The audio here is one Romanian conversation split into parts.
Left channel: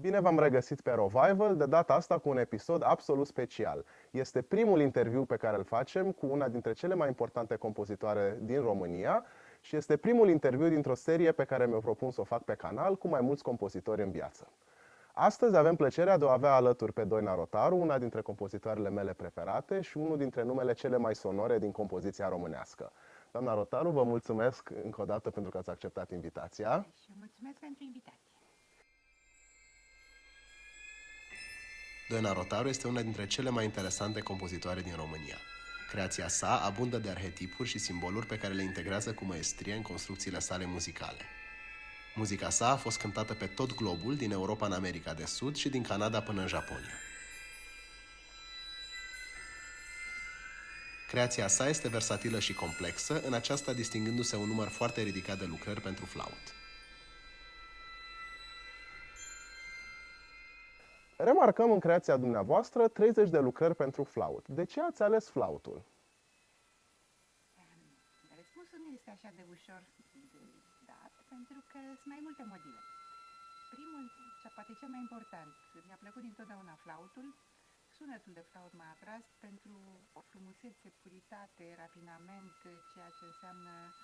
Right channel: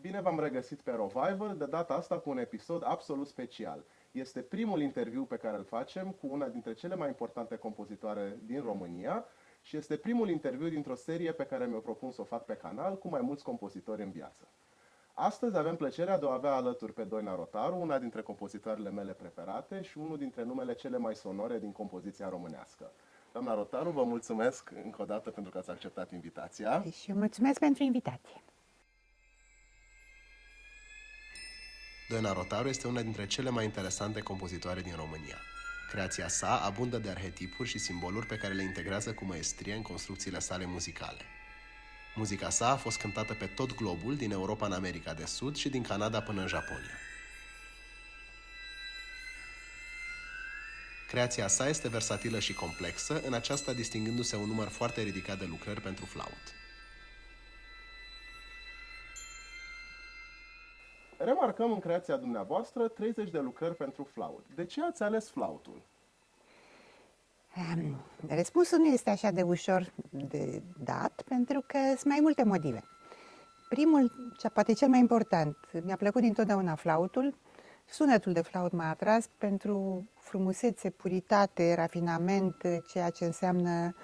Bine v-am regăsit pe Revival, de data asta cu un episod absolut special. Este primul interviu pe care îl facem cu una dintre cele mai importante compozitoare din România și este primul interviu dintr-o serie pe care mi-o propun să o fac pe canal cu mai mulți compozitori în viață. Astăzi avem plăcerea de a avea alături pe Doina Rotaru, una dintre compozitoarele mele preferate și unul dintre numele cele mai sonore din compoziția românească. Doamna Rotaru, vă mulțumesc încă o dată pentru că ați acceptat invitația. Și mulțumesc pentru invitație. Doina Rotaru este una dintre cele mai interesante compozitoare din România. Creația sa abundă de arhetipuri și simboluri pe care le integrează cu măestrie în construcțiile sale muzicale. Muzica sa a fost cântată pe tot globul, din Europa în America de Sud și din Canada până în Japonia. Creația sa este versatilă și complexă, în aceasta distingându-se un număr foarte ridicat de lucrări pentru flaut. Remarcăm în creația dumneavoastră 30 de lucrări pentru flaut. De ce ați ales flautul? Răspunsul nu este așa de ușor de dat, pentru că sunt mai multe motive. Primul, poate cel mai important, mi-a plăcut dintotdeauna flautul. Sunetul de flaut m-a atras pentru frumusețe, puritate, rafinament, ceea ce înseamnă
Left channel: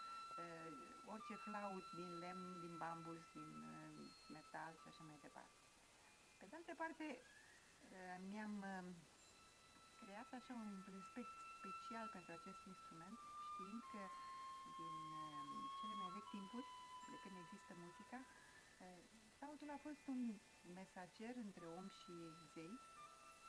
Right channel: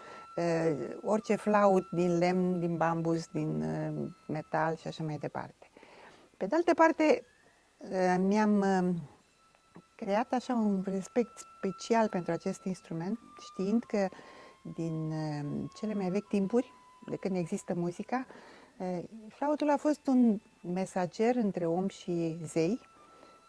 orice flaut din lemn, din bambus, din metal și așa mai departe. Pe de altă parte, mi-am creat așa un respect special pentru acest instrument, știind că din cele mai vechi timpuri, de când există muzica, flautul a fost un mesager între om și zei,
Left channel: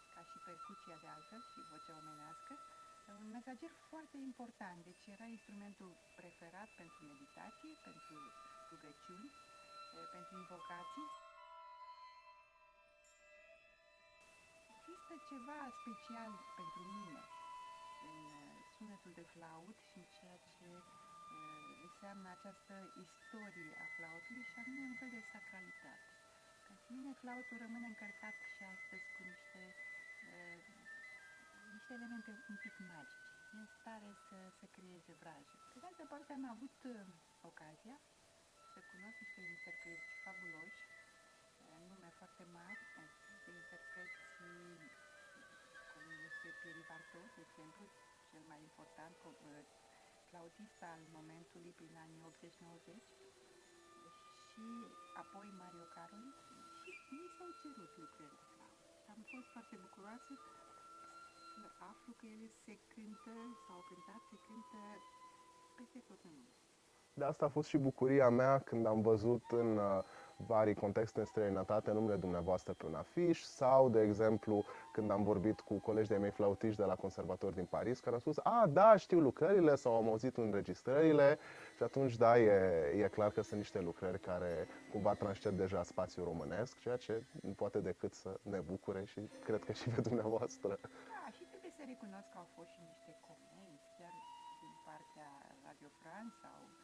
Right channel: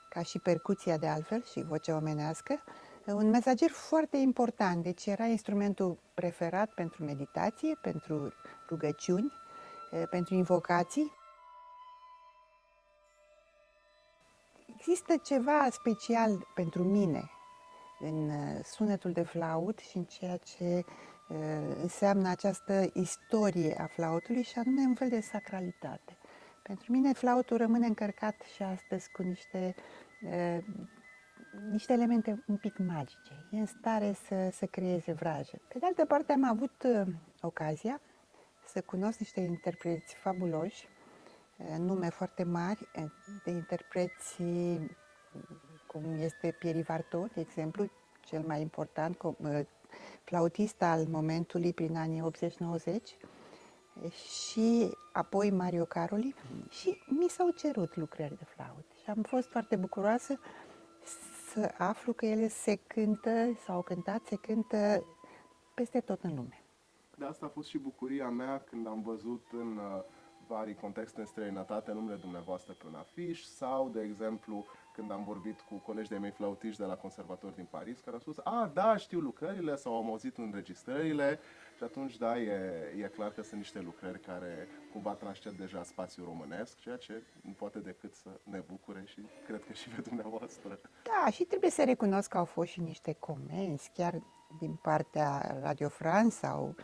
ca și percuția de altfel și vocea omenească, un mesager foarte important, deci era instrumentul preferat pentru meditație, pentru rugăciuni, pentru invocații. Există ceva special pentru mine în sunetul de flaut și în ceea ce înseamnă această istorie a flautului și anume un fel de sacralitate. Pentru mine flautul rămâne încărcat și astăzi cu niște elemente un pic magice. E în stare să creeze vrajă. Pe de altă parte am avut ocazia să cunosc niște interpreți fabuloși, nume foarte mari de interpreți, cum este Pierre Vartot, de exemplu, cel mai important flautist al momentului prin anii 80-90, și apoi Mario Caroli, și mi s-au cerut lucrări de flaut. Și am fost foarte bucuroasă să aflu că ele se cântă, s-au cântat, se cântă peste tot în lume. De asta a fost și bucuria mea când am văzut în vari contexte în străinătate numele dumneavoastră pe un afiș sau, de exemplu, când am vorbit cu colegi de mei flautiști de la conservator din Paris, care au spus, da, știu lucrările sau am auzit înregistrările și atunci, da, e clar că sunt niște lucrări care cumva transcend deja spațiul românesc, ceea ce nu poate decât să ne bucure și cred că și pe dumneavoastră. Da, și trebuie să recunosc că au fost și niște comenzi, chiar din partea Radio France sau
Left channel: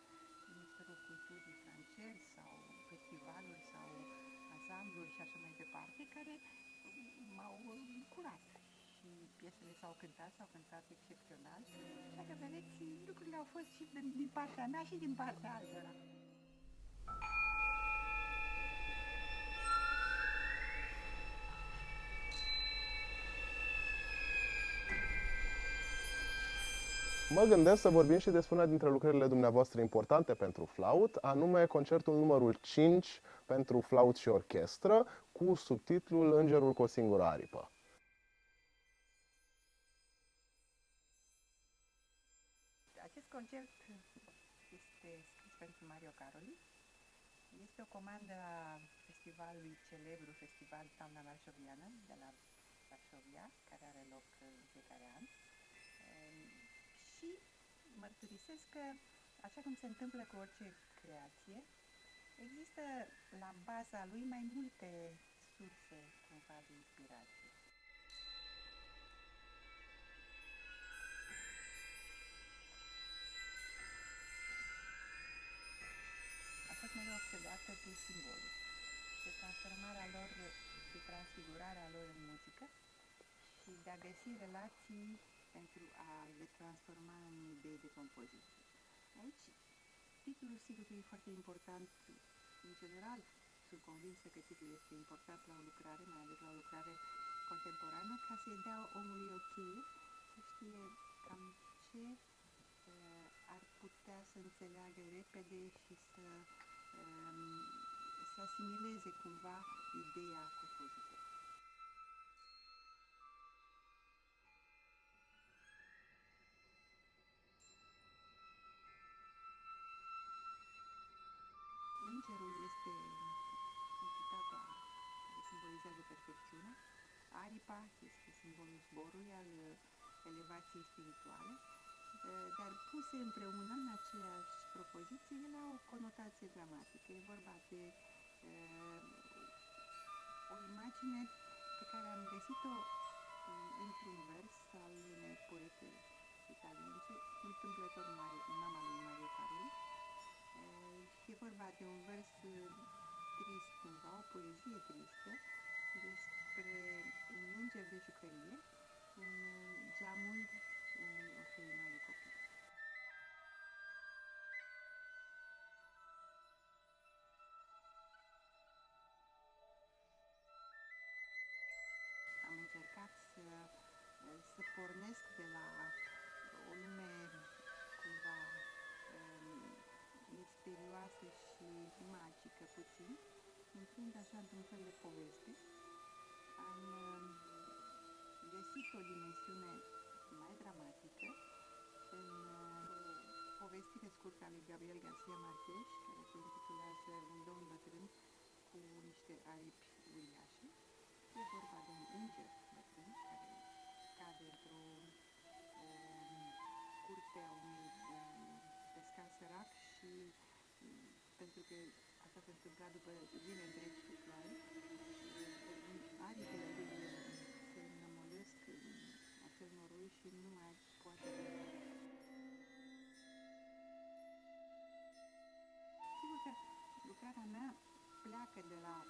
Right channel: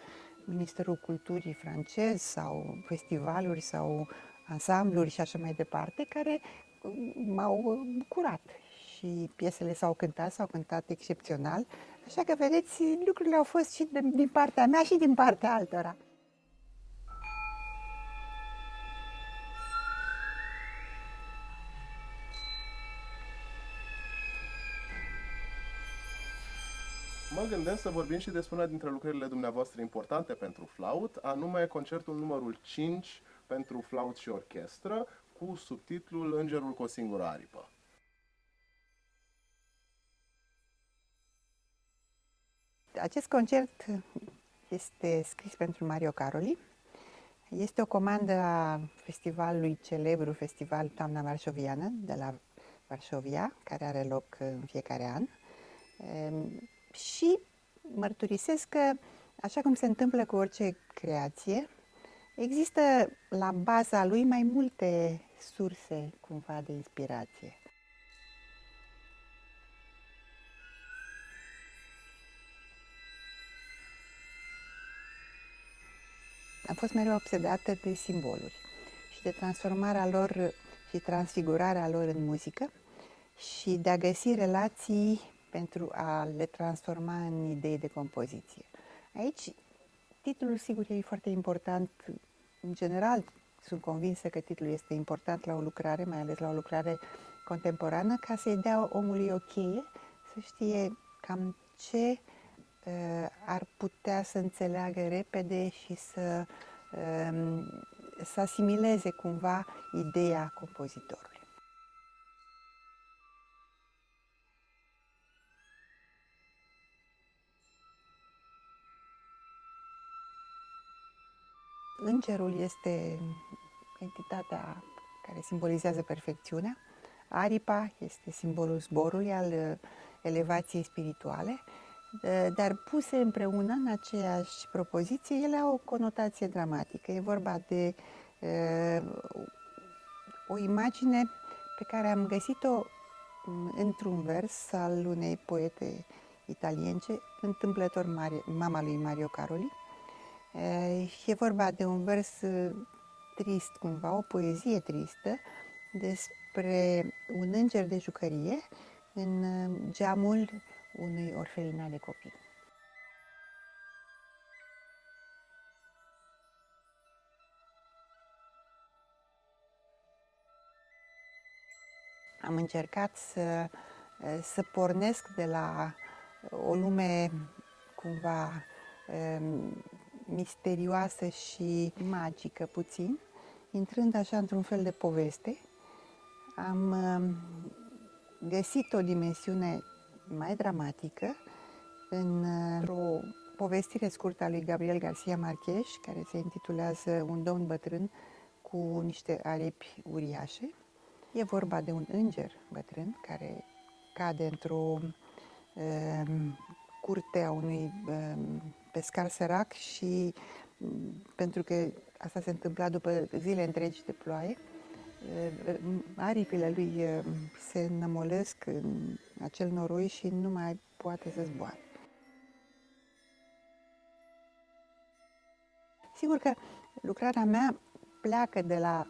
Ministerul Culturii francez sau festivaluri sau ansambluri și așa mai departe, care m-au bucurat și piesele s-au cântat excepțional, așa că vedeți, lucrurile au fost și din partea mea și din partea altora. Mă gândesc să vorbim și despre una dintre lucrările dumneavoastră importante pentru flaut, anume concertul numărul 5 pentru flaut și orchestră, cu subtitlul Îngerul cu o singură aripă. Acest concert este scris pentru Mario Caroli. Este o comandă a festivalului celebru, Festival Toamna Varșoviană, de la Varșovia, care are loc în fiecare an. Și mărturisesc că, așa cum se întâmplă cu orice creație, există la baza lui mai multe surse cumva de inspirație. Am fost mereu obsedată de simboluri și de transformarea lor și transfigurarea lor în muzică și de a găsi relații pentru a le transforma în idei de compoziție. Aici, titlul, sigur, e foarte important. În general, sunt convinsă că titlul este important la o lucrare, mai ales la o lucrare contemporană, ca să-i dea omului o cheie, să știe cam ce ar putea să înțeleagă repede și să asimileze cumva ideea compozitorului. Îngerul este entitatea care simbolizează perfecțiunea. Aripa este simbolul zborului, al elevației spirituale, dar puse împreună în aceeași propoziție, ele au o conotație dramatică. E vorba de o imagine pe care am găsit-o într-un vers al unei poete italience, întâmplător mama lui Mario Caroli. E vorba de un vers trist cumva, o poezie tristă despre un înger de jucărie în geamul unui orfelinat de copii. Am încercat să pornesc de la o lume cumva misterioasă și magică puțin, intrând așa într-un fel de poveste. Am găsit o dimensiune mai dramatică într-o povestire scurtă a lui Gabriel García Márquez, care se intitulează Un domn bătrân cu niște aripi uriașe. E vorba de un înger bătrân care cade într-o curte a unui pescar sărac și pentru că asta se întâmpla după zile întregi de ploaie, aripile lui se înămolesc în acel noroi și nu mai poate să zboare. Sigur că lucrarea mea pleacă de la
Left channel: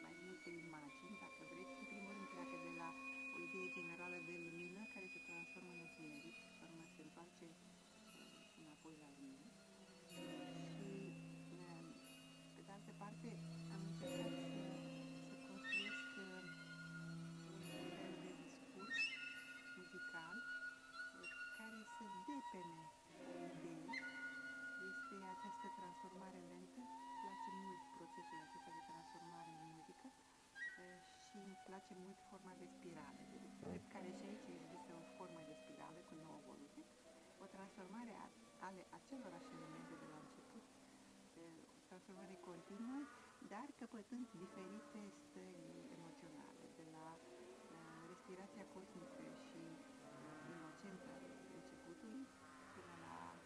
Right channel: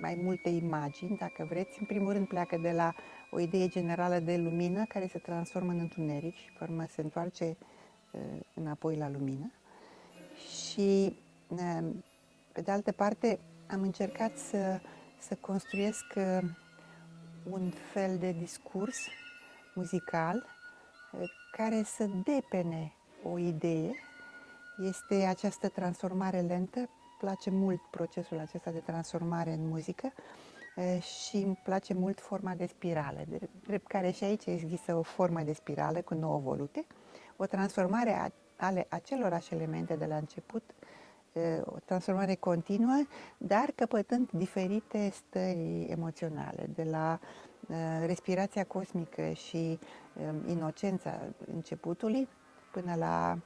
mai multe imagini, dacă vreți. În primul rând pleacă de la o idee generală de lumină care se transformă în întuneric și pe urmă se întoarce înapoi la lumină. Și pe de altă parte am încercat să construiesc un fel de discurs muzical care să depene o idee. Este această transformare lentă. Place mult procesul acesta de transformare în muzică și îmi place mult forma de spirală, drept care și aici există o formă de spirală cu 9 volute, o transformare ale acelorași elemente de la început, o transformare continuă, dar căpătând diferite stări emoționale, de la respirația cosmică și inocența începutului până la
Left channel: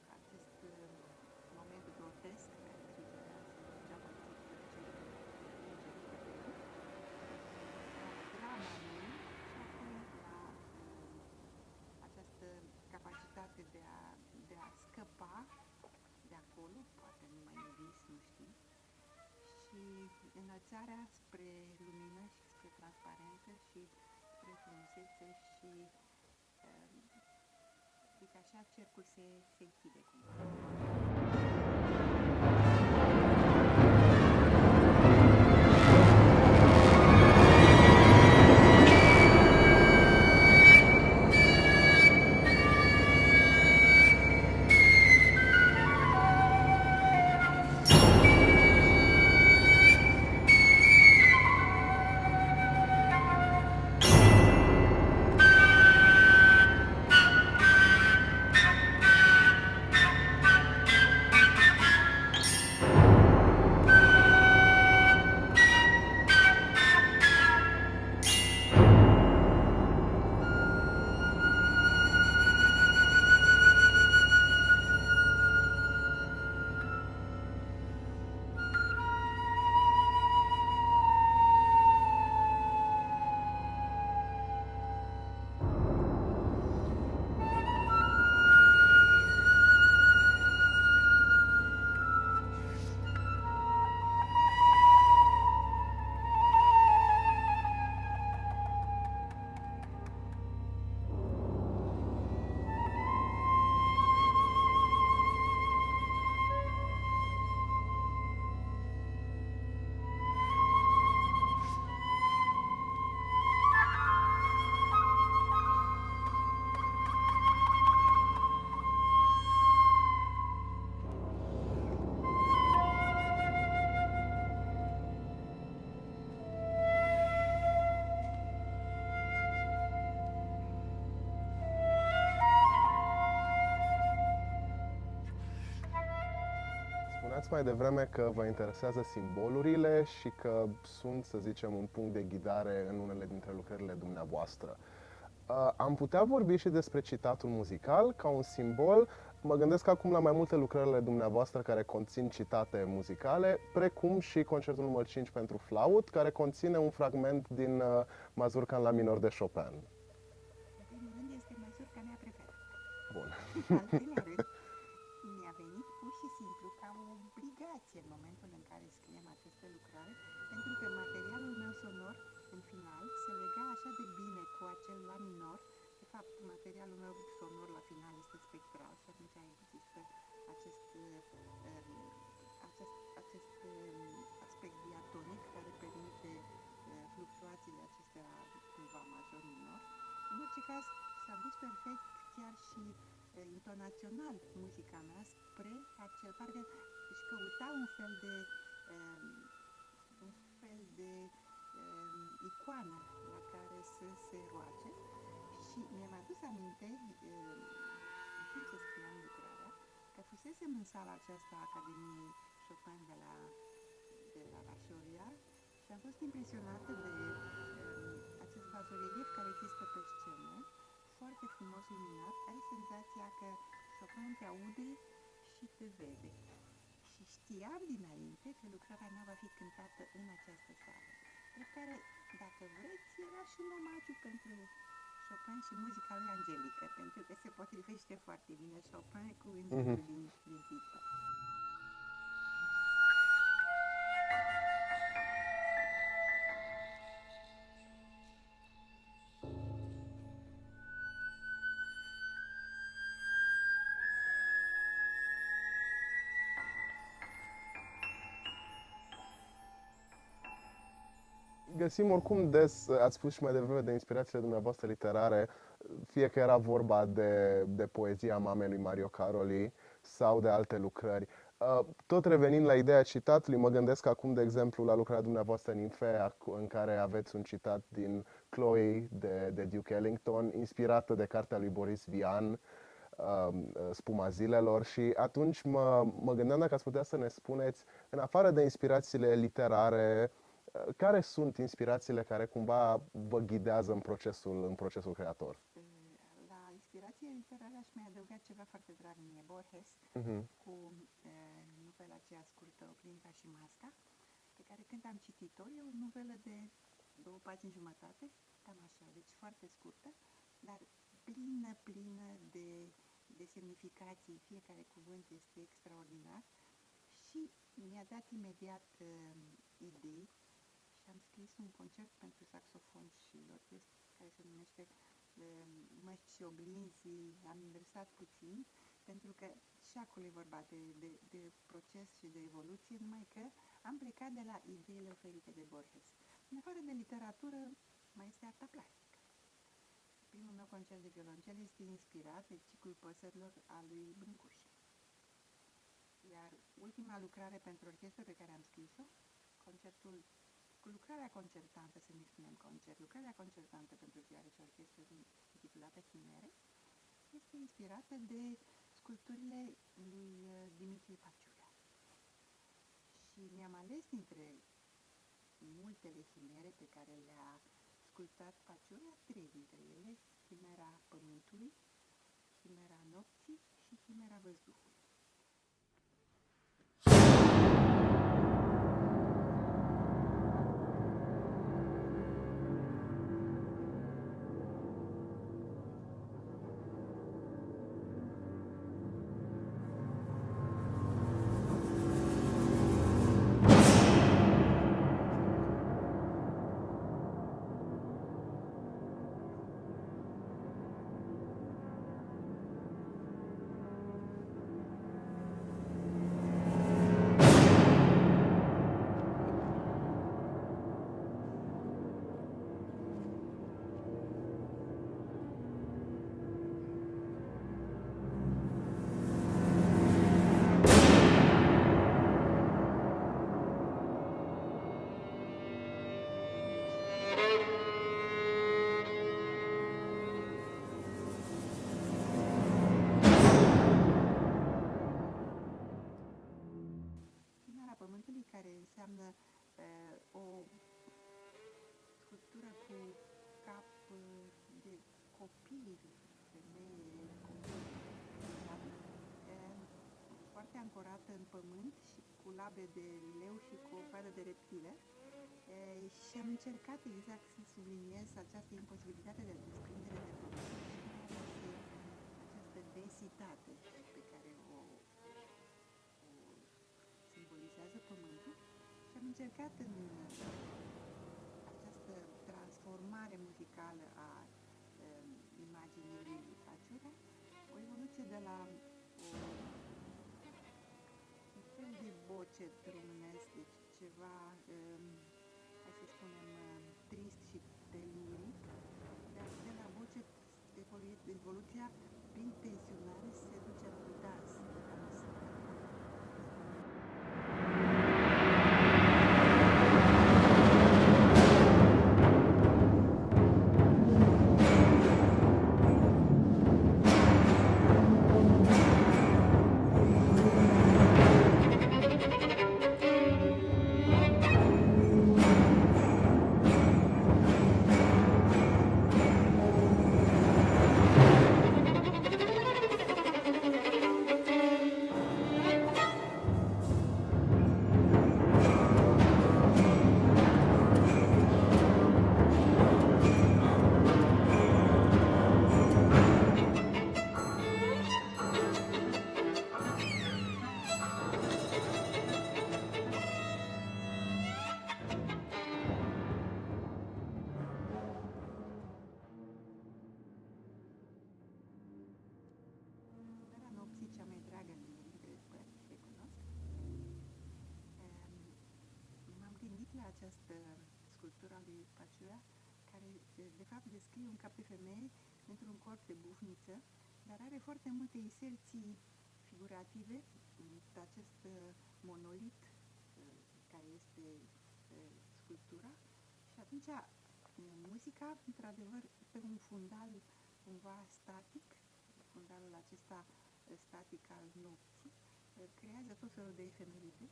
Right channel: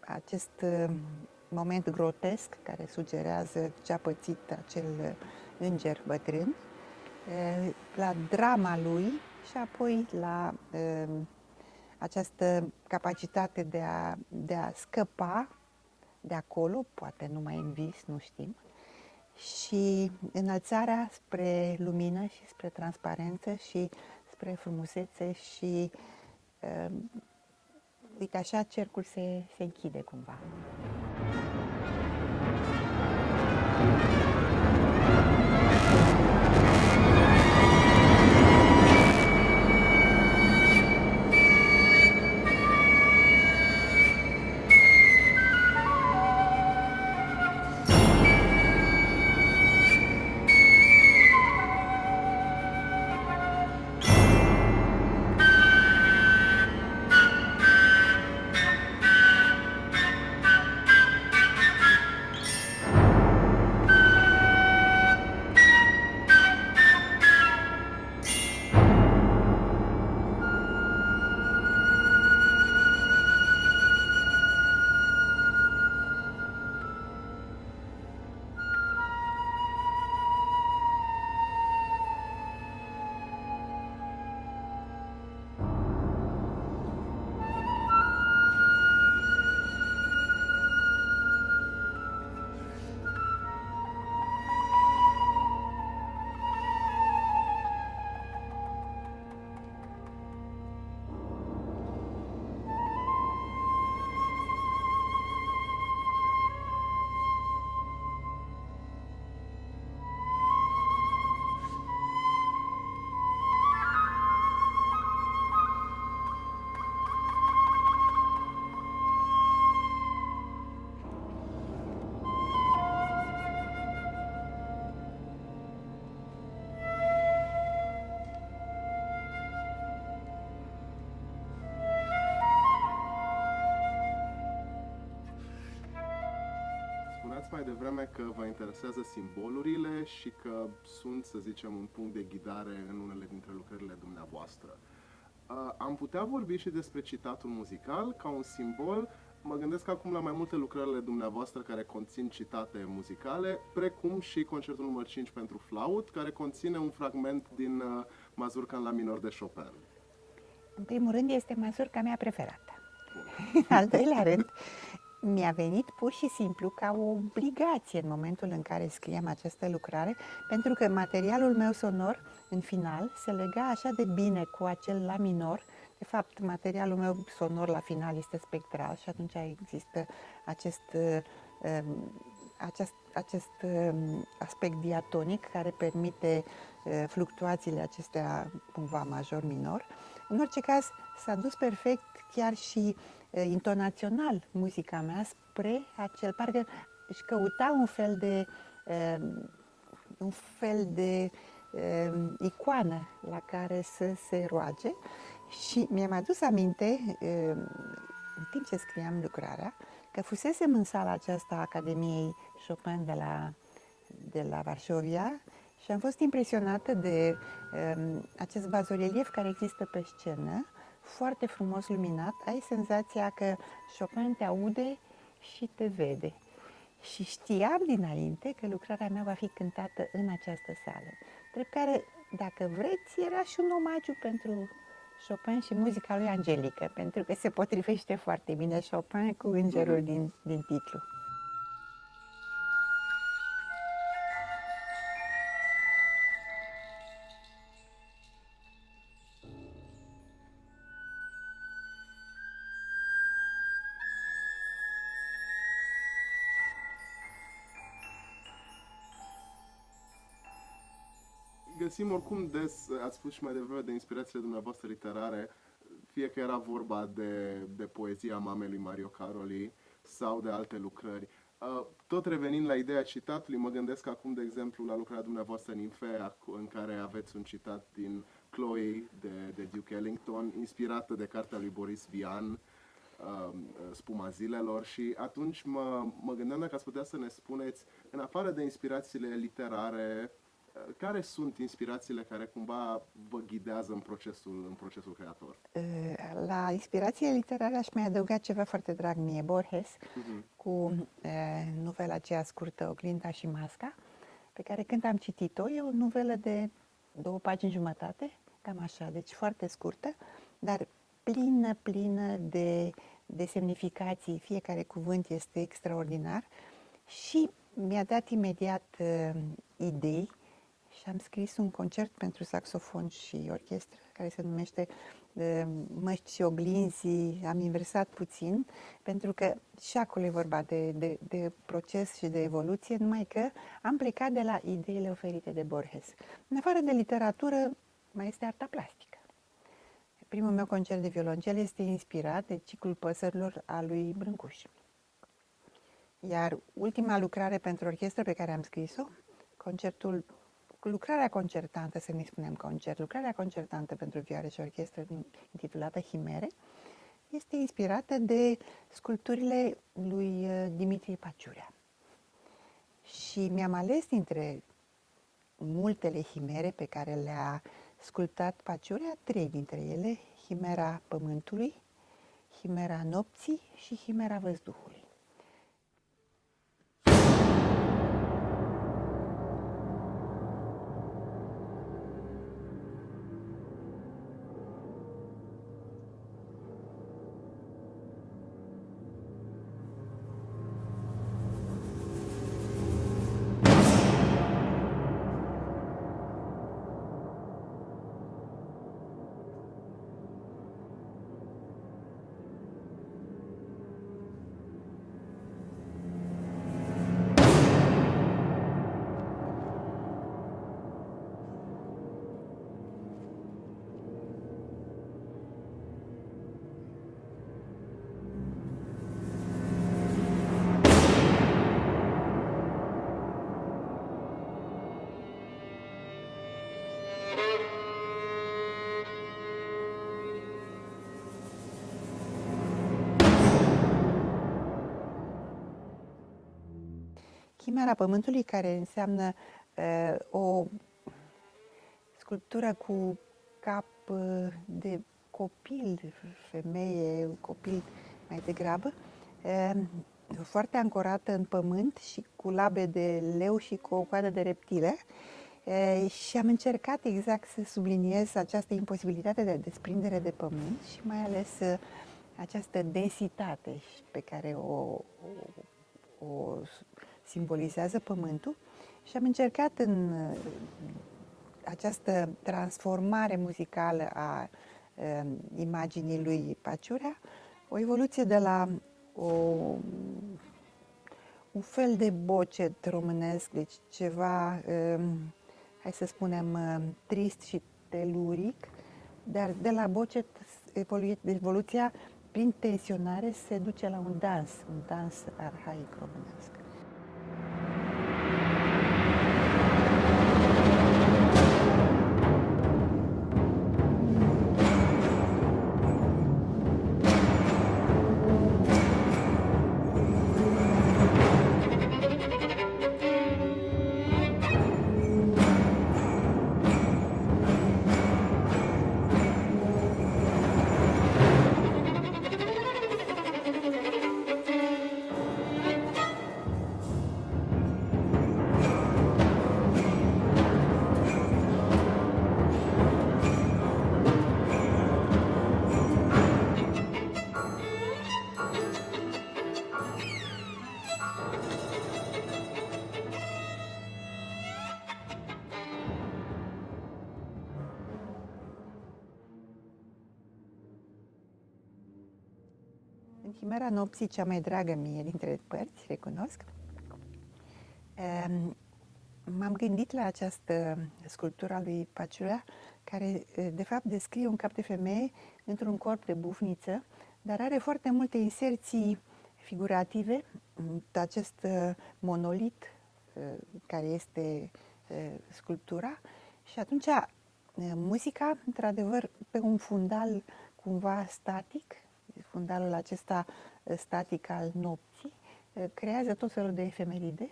acest moment grotesc care sugerează ce a pățit acel înger bătrân, la drama lui și apoi la această capacitate de a scăpa de acolo, poate numai în vis, nu știm, și înălțarea spre lumină și spre transparență și spre frumusețe și uite așa cercul se închide cumva. Spuneați mai devreme că vă interesează simbolurile și că sunt, să zicem, un punct de ghidare în unele dintre lucrările dumneavoastră. Am putea vorbi și despre citatul muzical ca un simbol. Mă gândesc acum la mai multe lucrările dumneavoastră care conțin citate muzicale, precum și concertul numărul 5 pentru flaut, care conține un fragment din Mazurca în la minor de Chopin. În primul rând, este mazurca mea preferată. În al doilea rând, mi-a venit pur și simplu ca o obligație în momentul în care scriam această lucrare, pentru că materialul meu sonor, în final, se lega așa de bine cu acel la minor. De fapt, materialul meu sonor la final este spectral și atunci există acest aspect diatonic care permite fluctuațiile acestea cumva major-minor. În orice caz, s-a dus perfect chiar și intonațional muzica mea spre acel, parcă își căuta un fel de icoană la care să se roage și mi-am adus aminte, în timp ce scriam lucrarea, că fusesem în sala aceasta a Academiei Chopin de la Varșovia și am fost impresionată de acest bazorelief care există pe scenă, foarte frumos luminat. Ai senzația că Chopin te aude și te vede. Și știam dinainte că lucrarea mea va fi cântată în această sală. Drept care, dacă vreți, era și un omagiu pentru Chopin și muzica lui Angelică, pentru că se potrivește foarte bine Chopin cu îngerul din titlu. Găsim oricum des, ați spus și mai devreme, de inspirațiile dumneavoastră literare, fie că era vorba de poezia mamei lui Mario Caroli sau de alte lucrări. Tot revenind la ideea citatului, mă gândesc acum, de exemplu, la lucrarea dumneavoastră Ninfea, în care aveți un citat din Chloe de Duke Ellington, inspirată de cartea lui Boris Vian, Spuma zilelor, și atunci mă gândeam dacă ați putea să ne spuneți, în afară de inspirațiile literare, care sunt inspirațiile care cumva vă ghidează în procesul creator? La inspirație literară aș mai adăuga ceva foarte drag mie, Borges, cu novela aceea scurtă, Oglinda și Masca, pe care când am citit-o, e o novelă de 2 pagini jumătate, cam așa, deci foarte scurtă, dar plină de semnificații. Fiecare cuvânt este extraordinar și mi-a dat imediat idei. Și am scris un concert pentru saxofon și orchestră, care se numește Măști și oglinzi. Am inversat puțin, pentru că și acolo e vorba de proces și de evoluție, numai că am plecat de la ideile oferite de Borges. În afară de literatură, mai este arta plastică. Primul meu concert de violoncel este inspirat de Ciclul păsărilor al lui Brâncuș. Iar ultima lucrare pentru orchestră pe care am scris-o, lucrarea concertantă, să nu-i spunem concert, lucrarea concertantă pentru vioară și orchestră intitulată Himere, este inspirată de sculpturile lui Dimitrie Paciurea. Și mi-am ales dintre multele himere pe care le-a sculptat Paciurea, 3 dintre ele, Himera Pământului, Himera Nopții și Himera Văzduhului. Chimera Pământului, care înseamnă o sculptură cu cap de copil, femeie, copil mai degrabă, foarte ancorată în pământ și cu labe de leu și cu o coadă de reptile. Și am încercat exact să subliniez această imposibilitate de desprindere de pământ și mai ales această densitate pe care o simbolizează pământul. Și am încercat în această transformare muzicală a imaginii lui Paciurea o evoluție de la un fel de bocet românesc, deci ceva, hai să spunem, trist și teluric, dar de la bocet evoluția prin tensionare se duce la un dans arhaic românesc. Chimera nopții, cea mai dragă mie dintre părți, recunosc. M-am gândit la această sculptură a lui Paciurea, care de fapt descrie un cap de femeie într-un corp de bufniță, dar are foarte multe inserții figurative, acest monolit care este sculptura, și atunci muzica, într-adevăr, pe un fundal cumva static, fundalul acesta static al nopții, creează tot felul de efemeride.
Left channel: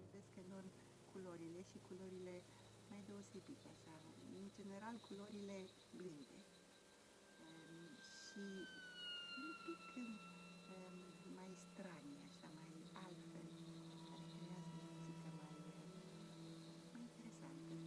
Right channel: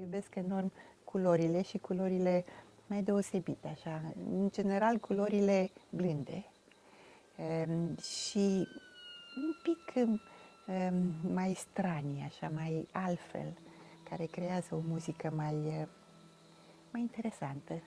Iubesc enorm culorile și culorile mai deosebite, așa, în general culorile blânde și un pic mai stranie, așa, mai altfel, care creează o muzică mai interesantă.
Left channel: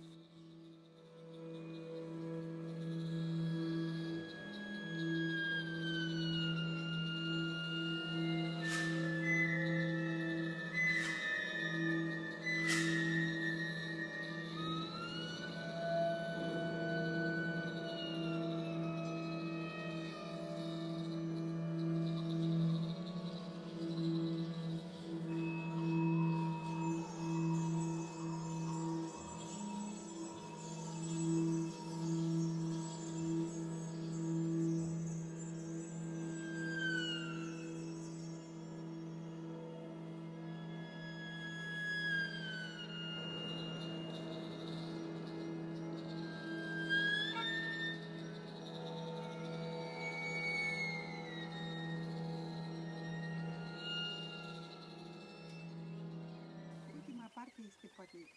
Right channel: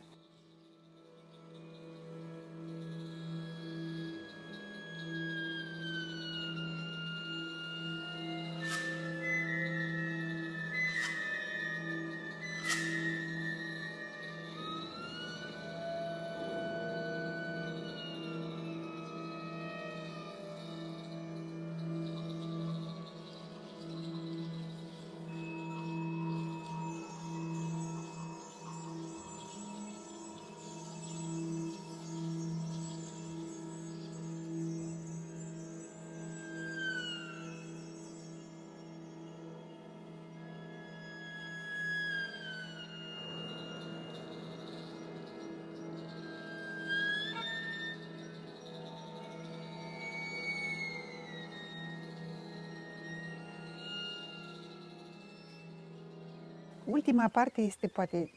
Ultima parte este poate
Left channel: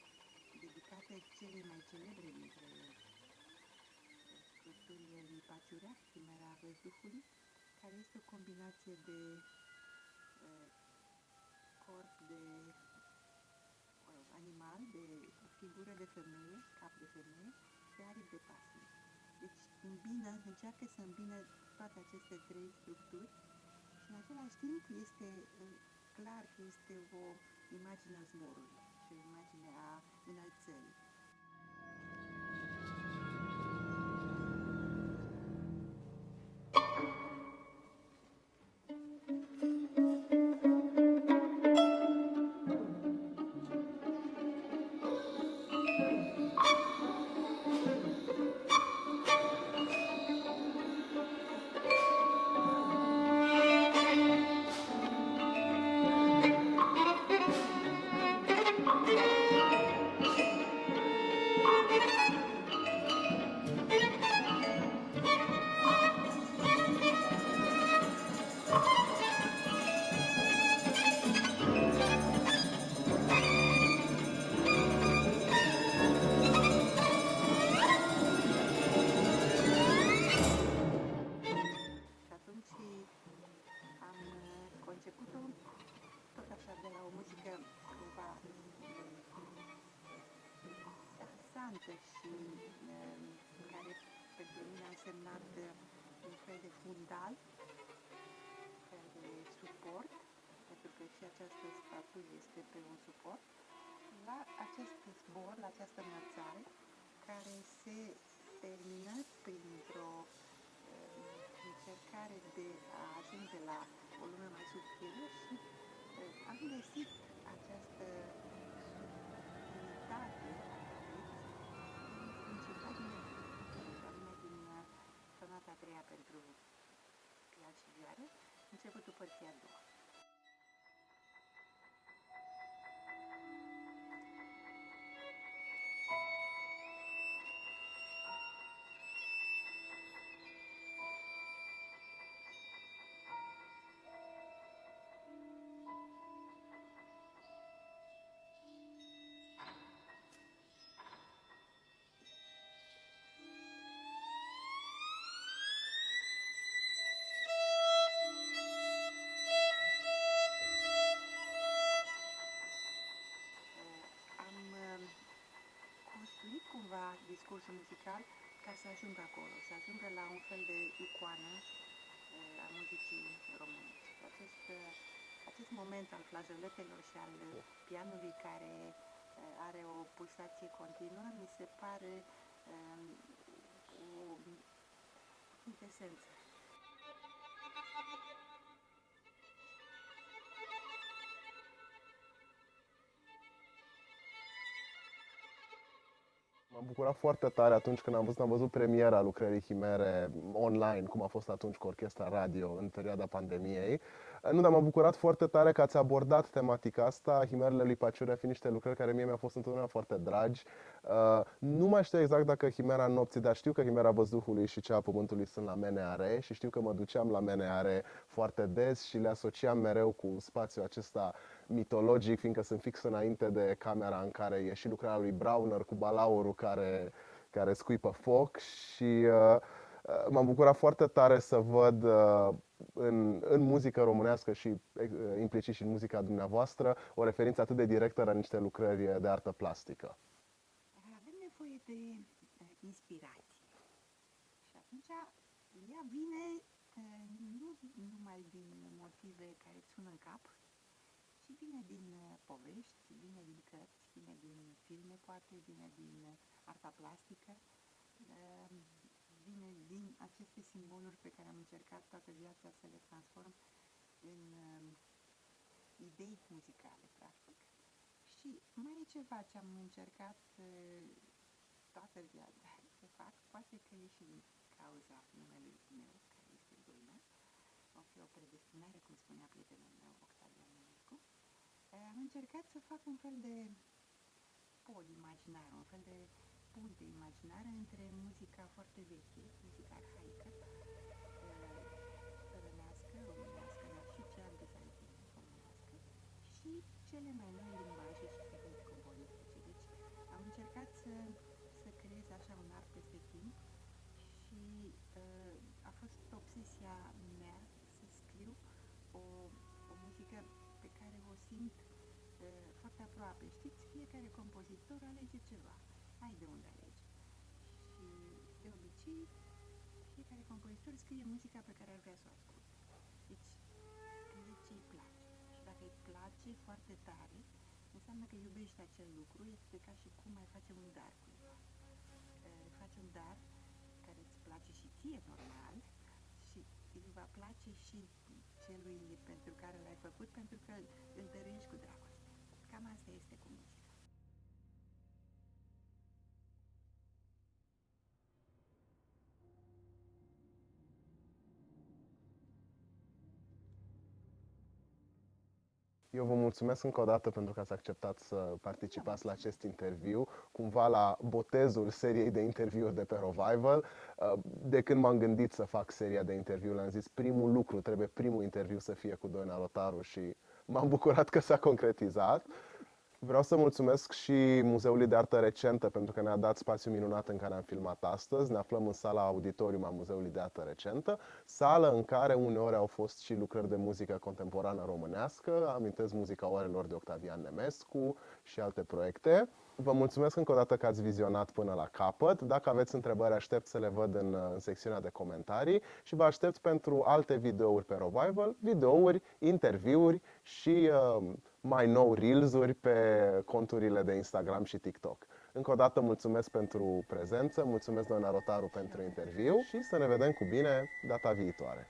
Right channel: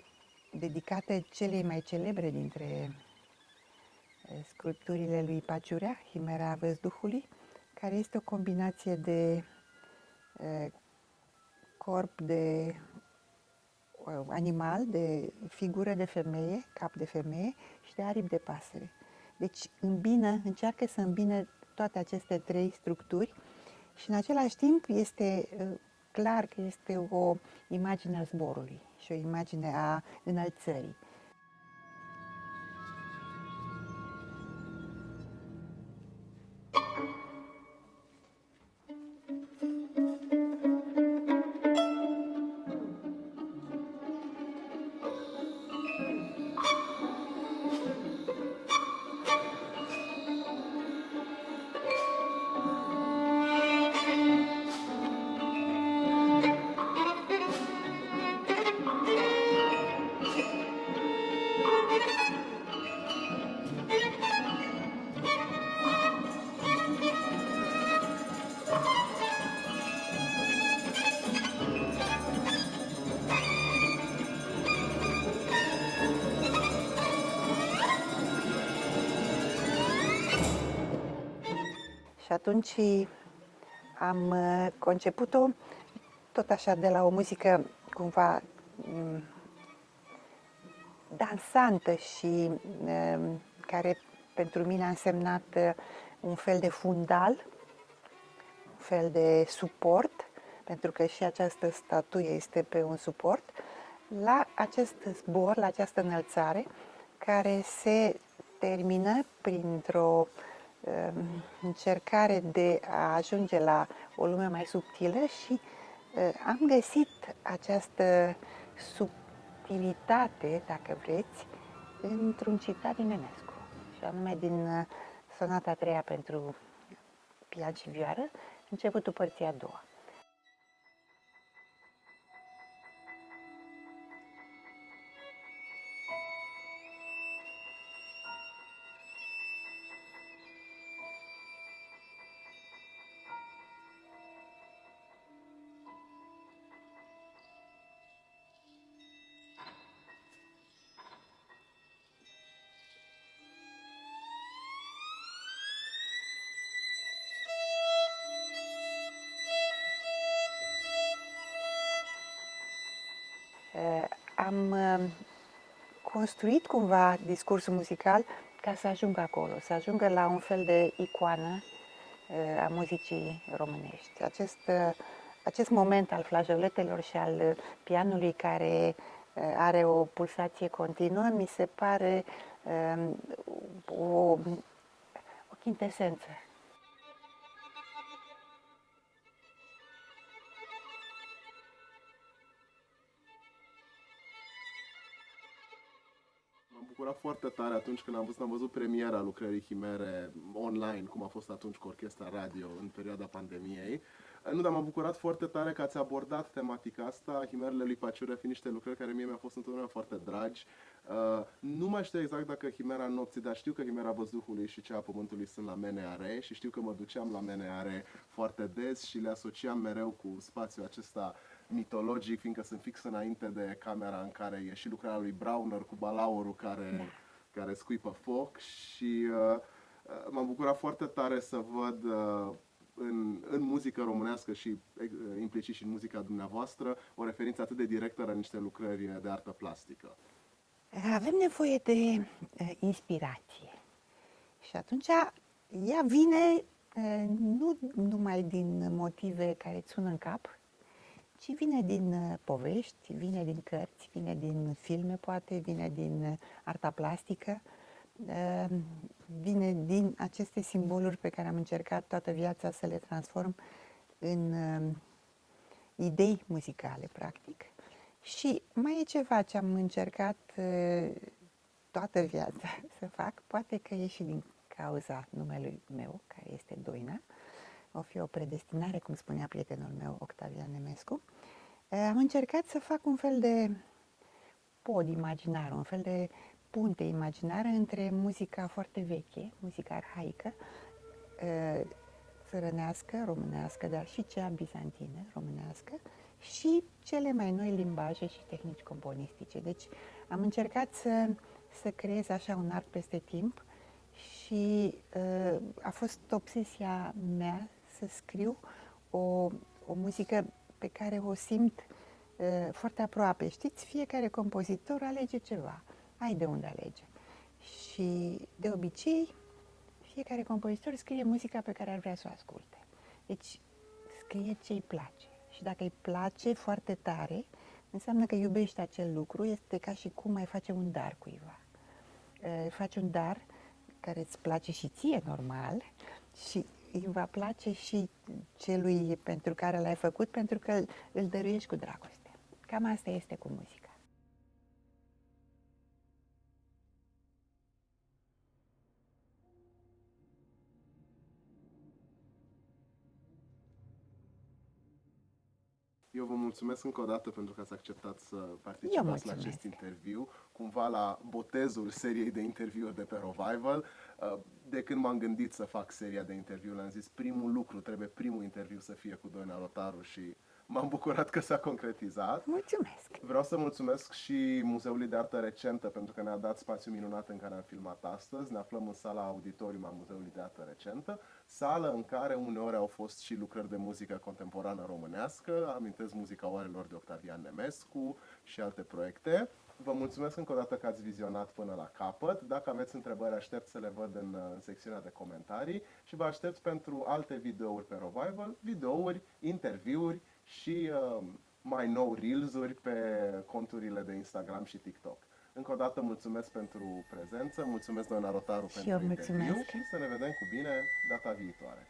dedicată celei mai celebre dintre sculpturile lui Paciurea, Chimera Văzduhului, care este o combinație de corp de animal, de figură de femeie, cap de femeie și de aripi de pasăre. Deci încearcă să îmbină toate aceste trei structuri și în același timp este clar că este o imagine a zborului și o imagine a înălțării. atunci am conceput-o tot așa de la o muzică cumva dansantă și care pentru mine a însemnat un fel de fundal, un fel de suport, pentru că și această statuie este pe un suport, la acest zbor, la această înălțare, care se termină printr-o încercare de a ajunge la o lume mai subtilă și am găsit această subtilitate, dacă vreți, într-un citat din Enescu, și anume din sonata a treia pentru pian și vioară, începutul părții a doua. Am construit cumva discursul muzical ca să ajungă acolo, să ajungă la un fel de icoană a muzicii românești. Acest moment al flageoletelor și al pianului care are o pulsație continuă, mi se pare o chintesență. M-am bucurat foarte tare atunci când am văzut premiera lucrării Chimere online, cum a fost atunci cu orchestra radio în perioada pandemiei. Nu, dar m-am bucurat foarte tare că ați abordat tematica asta, Chimerele lui Paciure fiind niște lucrări care mie mi-au fost întotdeauna foarte dragi. Nu mai știu exact dacă Chimera nopții, dar știu că Chimera văzduhului și cea a pământului sunt la Meneare și știu că mă duceam la Meneare foarte des și le asociam mereu cu spațiul acesta mitologic, fiindcă sunt fix înainte de camera în care e și lucrarea lui Brauner cu balaurul care scuipă foc și m-am bucurat foarte tare să văd în muzică românească și implicit și în muzica dumneavoastră o referință atât de directă la niște lucrări de artă plastică. Avem nevoie de inspirație și atunci ea vine nu numai din motive care îți sună în cap, ci vine din povești, vine din cărți, vine din filme poate, vine din arta plastică, vine din aceste simboluri pe care am încercat toată viața să le transform în idei muzicale, practic. Și mai e ceva ce am încercat toată viața să fac, poate că e și din cauza numelui meu, care este Doina, o fi o predestinare, cum spunea prietenul meu, Octavian Nemescu. Am încercat să fac un fel de pod imaginar, un fel de punte imaginară între muzica foarte veche, muzica arhaică, țărănească, românească, dar și cea bizantină, românească, și cele mai noi limbaje și tehnici componistice. Deci am încercat să creez așa un art peste timp și a fost obsesia mea să scriu o muzică pe care o simt foarte aproape. Știți, fiecare compozitor alege ceva, ai de unde alege. Și de obicei, fiecare compozitor scrie muzica pe care ar vrea să o asculte. Deci scrie ce îi place. Și dacă îi place foarte tare, înseamnă că iubește acel lucru, este ca și cum ai face un dar cuiva. Faci un dar care îți place și ție, normal, și îi va place și celui pentru care l-ai făcut, pentru că îl dăruiești cu dragoste. Cam asta este cu muzica. Eu vă mulțumesc încă o dată pentru că ați acceptat să participați la acest mulțumesc. interviu, cumva la botezul seriei de interviuri de pe Revival. De când m-am gândit să fac seria de interviuri, am zis primul interviu să fie cu Doina Rotaru și m-am bucurat că s-a concretizat. Mulțumesc! Vreau să mulțumesc și Muzeului de Artă Recentă pentru că ne-a dat spațiu minunat în care am filmat astăzi. Ne aflăm în sala auditorium a Muzeului de Artă Recentă, sală în care uneori au fost și lucrări de muzică contemporană românească. Amintesc Muzica Oarelor de Octavian Nemescu și alte proiecte. Vă mulțumesc încă o dată că ați vizionat până la capăt. Dacă aveți întrebări, aștept să le văd în secțiunea de comentarii și vă aștept pentru alte videouri pe Revival, videouri, interviuri și mai nou reels-uri pe conturile de Instagram și TikTok. Încă o dată mulțumesc pentru prezență, mulțumesc doamna Rotaru Și eu pentru interviu mulțumesc. și să ne vedem cu bine data viitoare.